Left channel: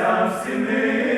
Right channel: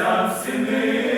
серця стіни.